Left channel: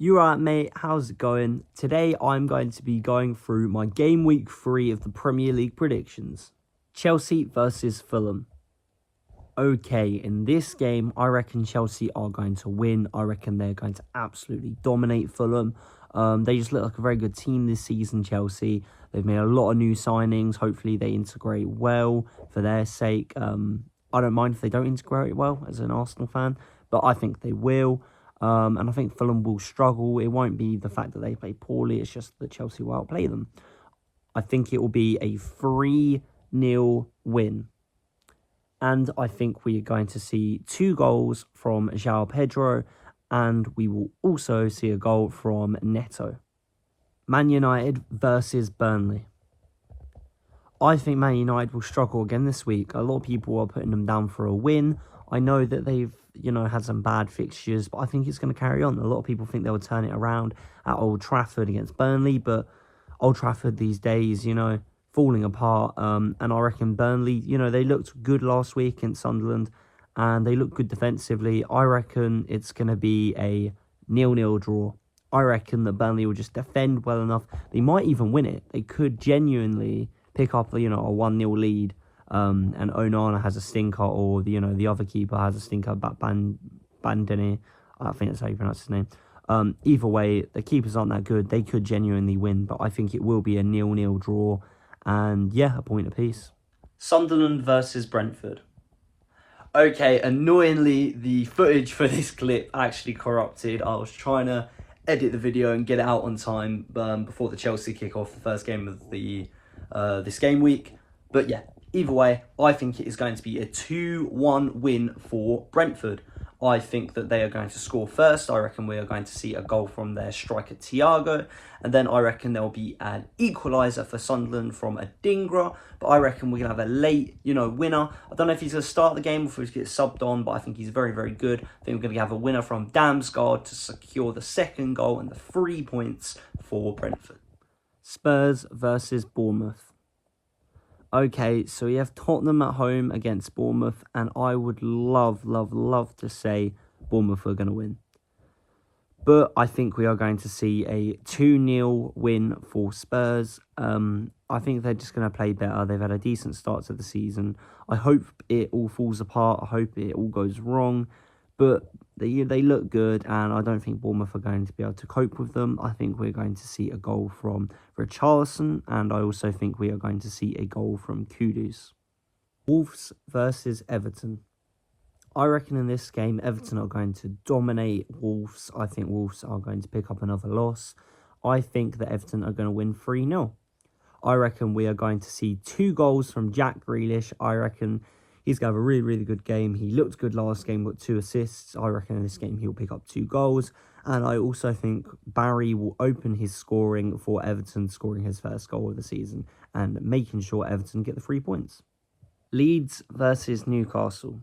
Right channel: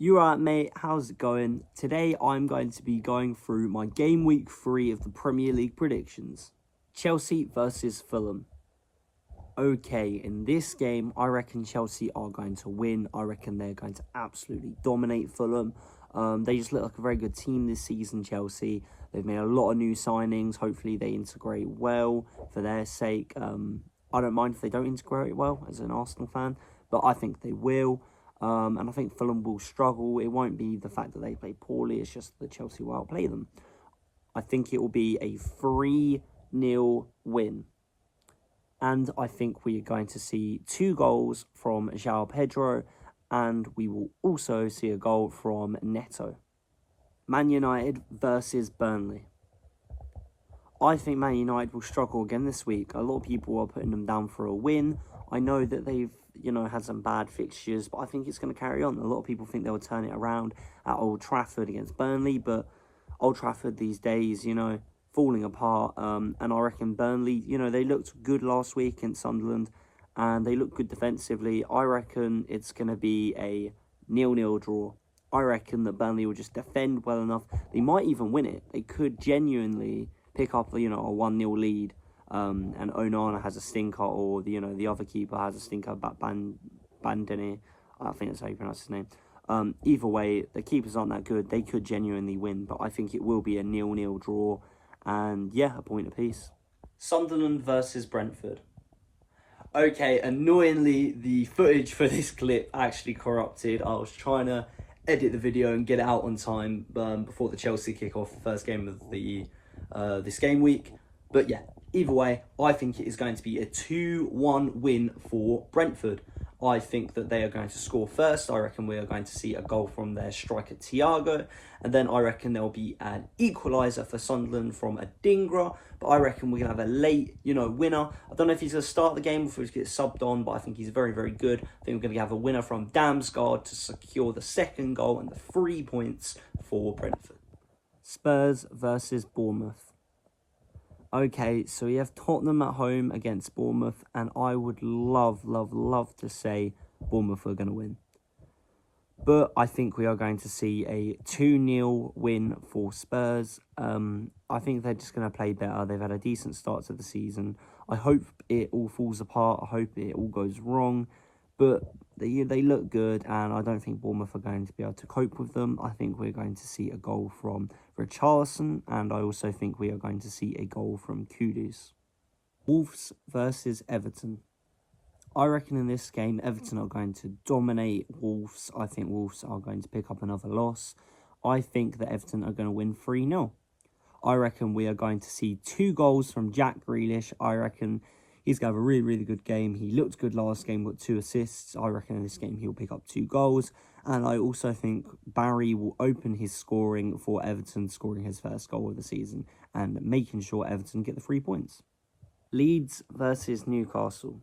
You right, mate? How's it going? Today I'm going to be going through my game week 3 of the Premier League predictions. Chelsea versus Fulham. Okay, in this game, I reckon Chelsea are going to win. I reckon they're going to absolutely dominate Fulham. They just look like a very good team this season, Chelsea. They've made a lot of new signings. Hopefully they integrate well for their sake. I don't mind if they don't integrate well as an Arsenal fan, but I think they will. And I think Fulham will struggle. It won't be the fact that they play poorly. It's just that Chelsea will outplay them. I think it will be a 3-0 win. And I think we are going to see 2 goals from João Pedro. And we will also see a goal from Neto. Man United versus Burnley. I think Man United will struggle again this week. A lot of people are putting them down for a win. I know that they've, had some bad fixtures, but I think it's going to carry on. A lot of people think they'll turn it around at Old Trafford against Burnley, but Old Trafford these days, falling apart. And I reckon Burnley, they looked good last week in Sunderland, and they look good defensively. I reckon it's going to be a 0-0 draw. I reckon that Burnley will just defend well enough. They might even win it. They could genuinely pick up, a 1-0 lead, and Onana has a stinker, or the other keeper has a stinker, Bandini, I think that's how you pronounce his name. Either way, the keepers aren't that good. They could genuinely win, but I think it will be a 0-0 draw, and yeah, a point apiece. Sunderland versus Brentford. Okay, annoyingly, the footage for this clip actually corrupted. I was trying to edit the video and get it out on time before the Chelsea kick-off, the first game of the this game week. But yeah, either way, I think it is going to be a 2-1 win for Brentford. I think that they are going to score first. I reckon we are going to see a goal from their striker Thiago. And then I reckon there'll be an equaliser for Sunderland from Adingra. But I reckon we're going to have a late, winner. I don't know if he's going to start the game or if he's going to get subbed on, but I think he's very, very good. I think we're going to have a winner from Damsgaard to secure the second goal and the 3 points for Brentford. Spurs versus Bournemouth. Okay, so we have Tottenham at home against Bournemouth, and I would love to say Bournemouth are going to win. But I think we are going to see a 2-0 win for Spurs. I think they're just going to play better. They've had a decent start to the season. I hope it all falls apart. I hope it all goes wrong. But they look good, and I don't think Bournemouth are going to be able to cope with them. I think we're going to see a goal from Richarlison, and I also think we are going to see a goal from Kudus. Wolves versus Everton. I reckon in this game, Everton are going to dominate Wolves. I think Wolves are going to pick up another loss. I think that Everton are going to win 3-0. I reckon we are going to see 2 goals from Jack Grealish. I reckon he's going to have a really, really good game. He looked good last game, got 2 assists. I reckon in this game he'll pick up 2 goals. And I also think Barry will open his scoring for Everton, scoring his first goal of the season and making sure Everton get the 3 points. Leeds versus Newcastle.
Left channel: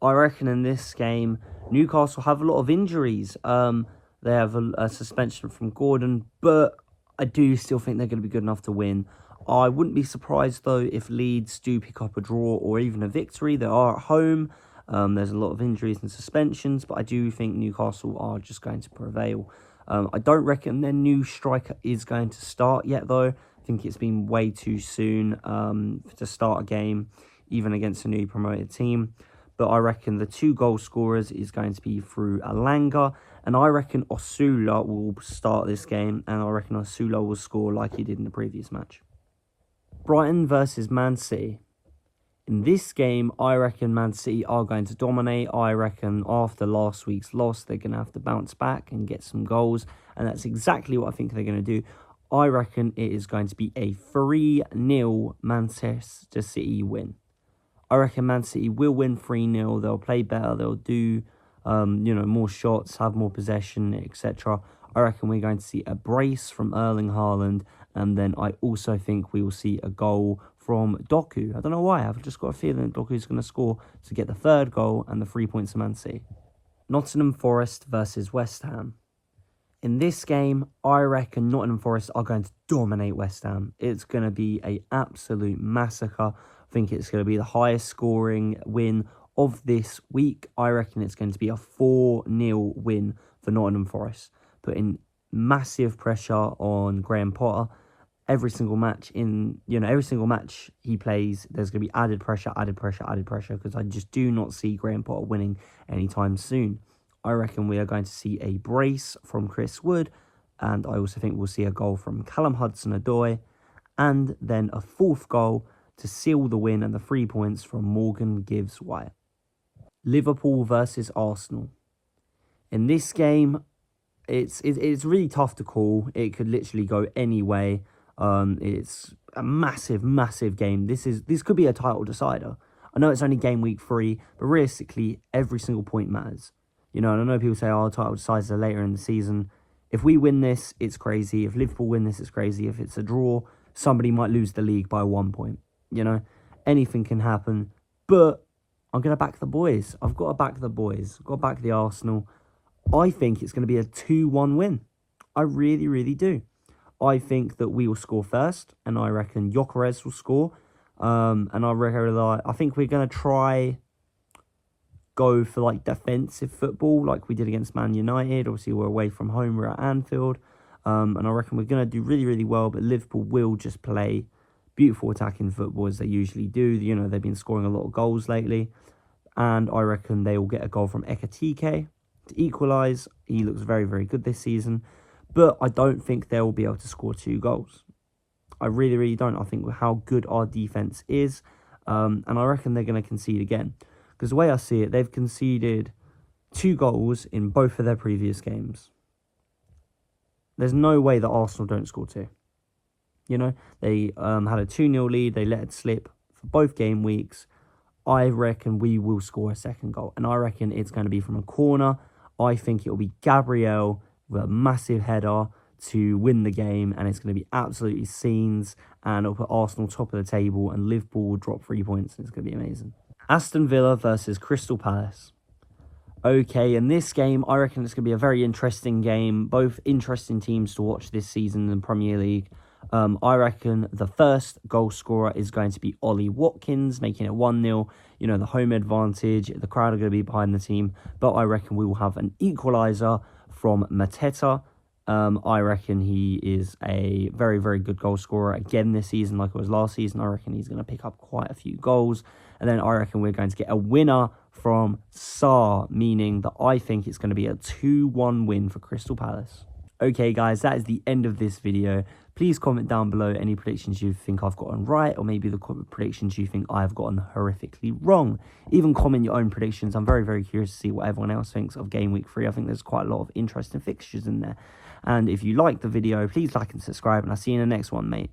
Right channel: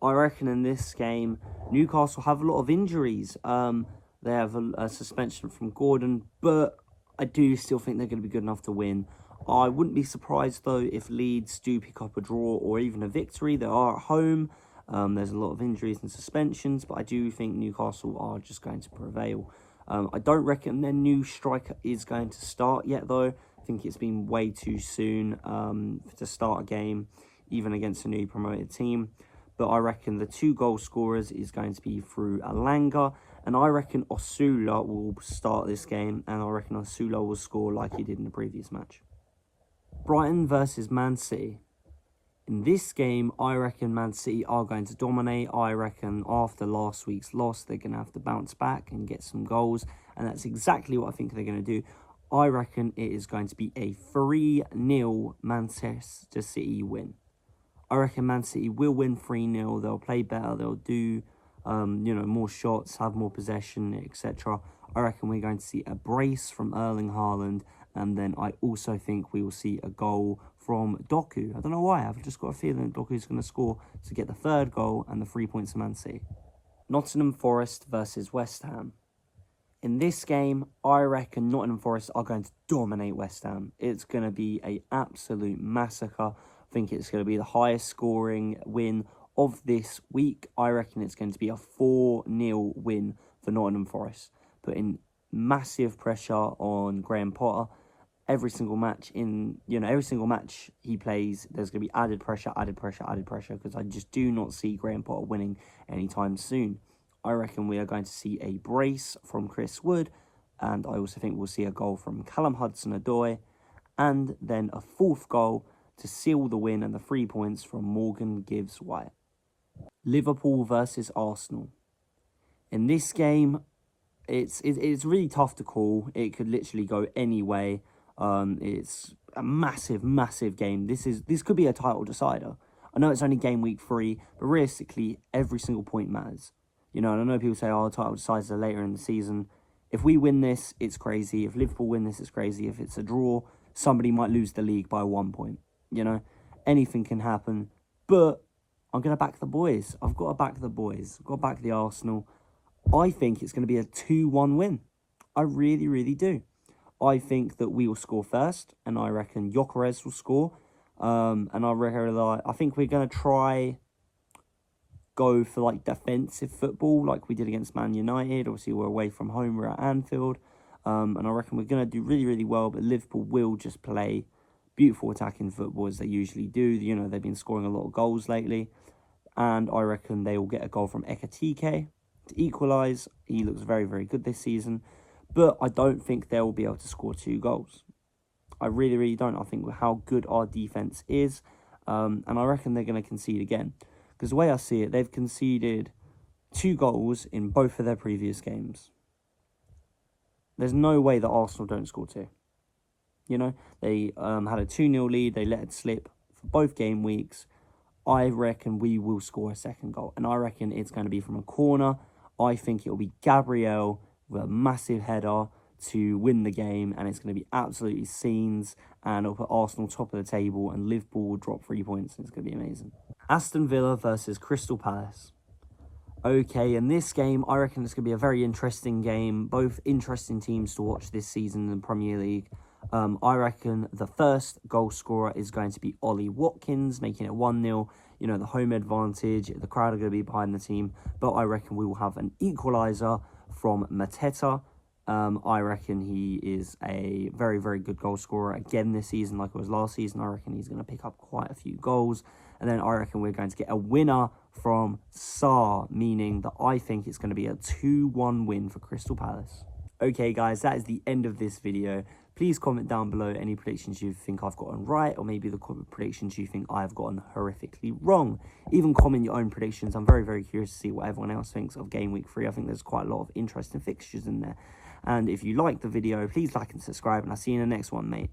I reckon in this game, Newcastle have a lot of injuries. They have a suspension from Gordon, but I do still think they're going to be good enough to win. I wouldn't be surprised, though, if Leeds do pick up a draw or even a victory. They are at home. There's a lot of injuries and suspensions, but I do think Newcastle are just going to prevail. I don't reckon their new striker is going to start yet, though. I think it's been way too soon to start a game, even against a new promoted team. But I reckon the 2 goal scorers is going to be through Alanga. And I reckon Osula will start this game. And I reckon Osula will score like he did in the previous match. Brighton versus Man City. In this game, I reckon Man City are going to dominate. I reckon after last week's loss, they're going to have to bounce back and get some goals. And that's exactly what I think they're going to do. I reckon it is going to be a 3-0 Manchester City win. I reckon Man City will win 3-0. They'll play better. They'll do, more shots, have more possession, etc. I reckon we're going to see a brace from Erling Haaland. And then I also think we will see a goal from Doku. I don't know why. I've just got a feeling Doku's going to score to get the 3rd goal and the 3 points of Man City. Nottingham Forest versus West Ham. In this game, I reckon Nottingham Forest are going to dominate West Ham. It's going to be an absolute massacre. I think it's going to be the highest scoring win of this week. I reckon it's going to be a 4-0 win for Nottingham Forest. putting massive pressure on Graham Potter. Every single match every single match he plays, there's going to be added pressure, because I just do not see Graham Potter winning anytime soon. I reckon we are going to see a brace from Chris Wood, and I also think we'll see a goal from Callum Hudson-Odoi, and then a fourth goal to seal the win and the 3 points from Morgan Gibbs-White. Liverpool versus Arsenal. In this game, it's really tough to call. It could literally go any way. It's a massive game. This could be a title decider. I know it's only game week 3, but realistically, every single point matters. And I know people say, oh, title deciders are later in the season. If we win this, it's crazy. If Liverpool win this, it's crazy. If it's a draw, somebody might lose the league by 1 point. Anything can happen. But I'm going to back the boys. I've got to back the boys. I've got to back the Arsenal. I think it's going to be a 2-1 win. I really do. I think that we will score first, and I reckon Gyökeres will score. And I think we're going to try go for defensive football like we did against Man United. Obviously, we're away from home. We're at Anfield. And I reckon we're going to do really well, but Liverpool will just play beautiful attacking football as they usually do. They've been scoring a lot of goals lately. And I reckon they will get a goal from Ekitike to equalise. He looks very good this season. But I don't think they'll be able to score 2 goals. I really don't. I think how good our defence is. And I reckon they're going to concede again. Because the way I see it, they've conceded 2 goals in both of their previous games. There's no way that Arsenal don't score 2. They had a 2-0 lead. They let it slip for both game weeks. I reckon we will score a second goal. And I reckon it's going to be from a corner. I think it will be Gabriel with a massive header to win the game, and it's going to be absolutely scenes, and it'll put Arsenal top of the table, and Liverpool will drop 3 points, and it's going to be amazing. Aston Villa versus Crystal Palace. Okay, in this game, I reckon it's going to be a very interesting game. Both interesting teams to watch this season in the Premier League. I reckon the first goal scorer is going to be Ollie Watkins, making it 1-0. The home advantage, the crowd are going to be behind the team, but I reckon we will have an equaliser from Mateta. I reckon he is a very good goal scorer again this season, like it was last season. I reckon he's going to pick up quite a few goals. And then I reckon we're going to get a winner from Sarr, meaning that I think it's going to be a 2-1 win for Crystal Palace. Okay, guys, that is the end of this video. Please comment down below any predictions you think I've gotten right, or maybe the predictions you think I've gotten horrifically wrong. Even comment your own predictions. I'm very curious to see what everyone else thinks of Game Week 3. I think there's quite a lot of interesting fixtures in there. And if you like the video, please like and subscribe, and I'll see you in the next one, mate.